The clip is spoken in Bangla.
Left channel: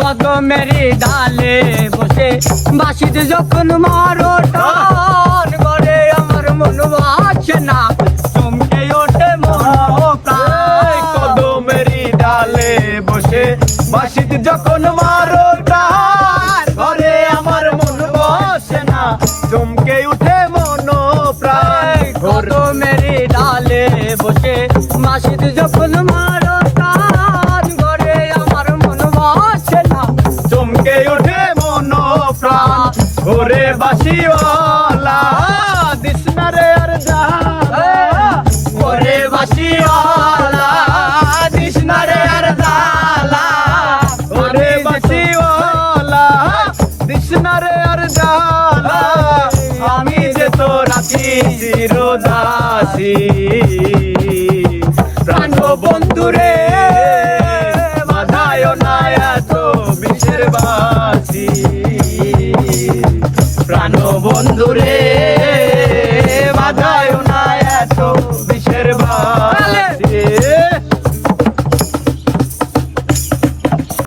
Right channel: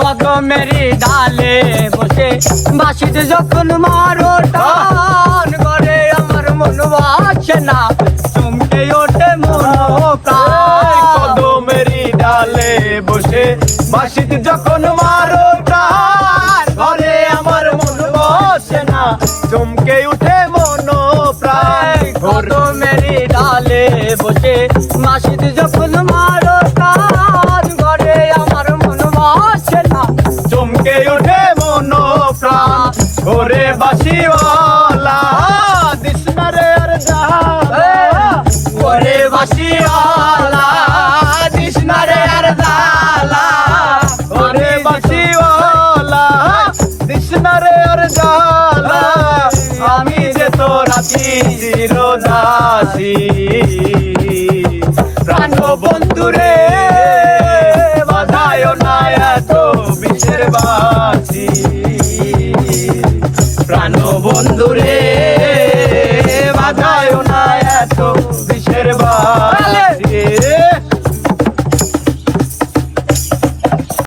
কদমেরই ডালে বসে বাঁশিতে যখন মারো টান করে আমার মন বাঁচে না চমকে ওঠে মন প্রাণ। কদমেরই ডালে বসে বাঁশিতে যখন মারো টান ঘরে আমার মন বাঁচে না চমকে উঠে মন প্রাণ। কদমেরই ডালে বসে বাঁশিতে যখন মারো টান ঘরে আমার মন বাঁচে না চমকে ওঠে মন প্রাণ। ওরে বাঁশিওয়ালা দিস না রে আর জ্বালা, ওরে বাঁশিওয়ালা দিস না রে আর জ্বালা। ওরে বাঁশিওয়ালা দিস না রে আর জ্বালা। আমি যে তোর আছি চিরদাসী, প্রাণ বন্ধুরে বাধায় না এত বিষের বাঁশি। প্রাণ বন্ধুরে